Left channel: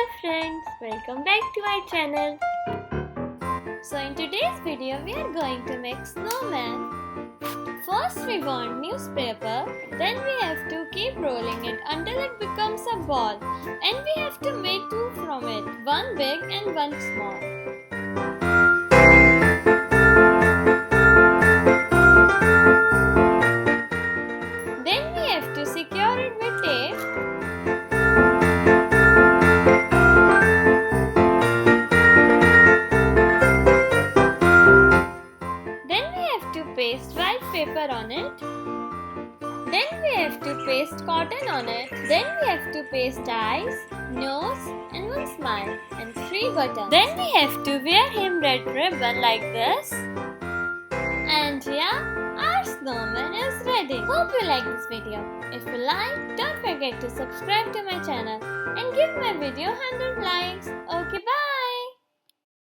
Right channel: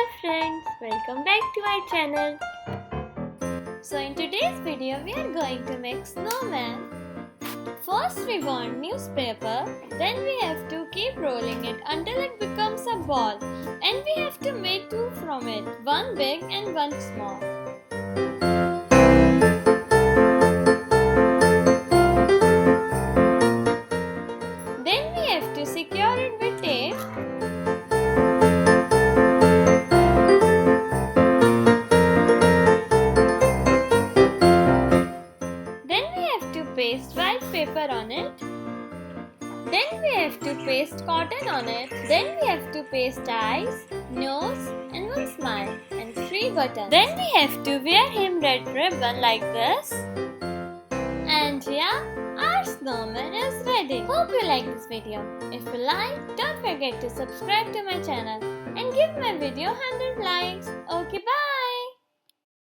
Dear friends, welcome back to our channel. So in today's video we are going to make snowman. First we want newspaper, then we have to keep rolling it until it becomes a ball, and we have to make two from it, one big and one small. Then we have to secure it with tape. To paste white paper on it. Then we have to paste cotton on it. Then we have to paste eyes, nose and one smile and 3 buttons. Then we have to wear him red ribbon like this. And yeah, our snowman is ready. Hope you like this video. If you like, don't forget to subscribe to my channel and give my video 100 likes. Okay, bye.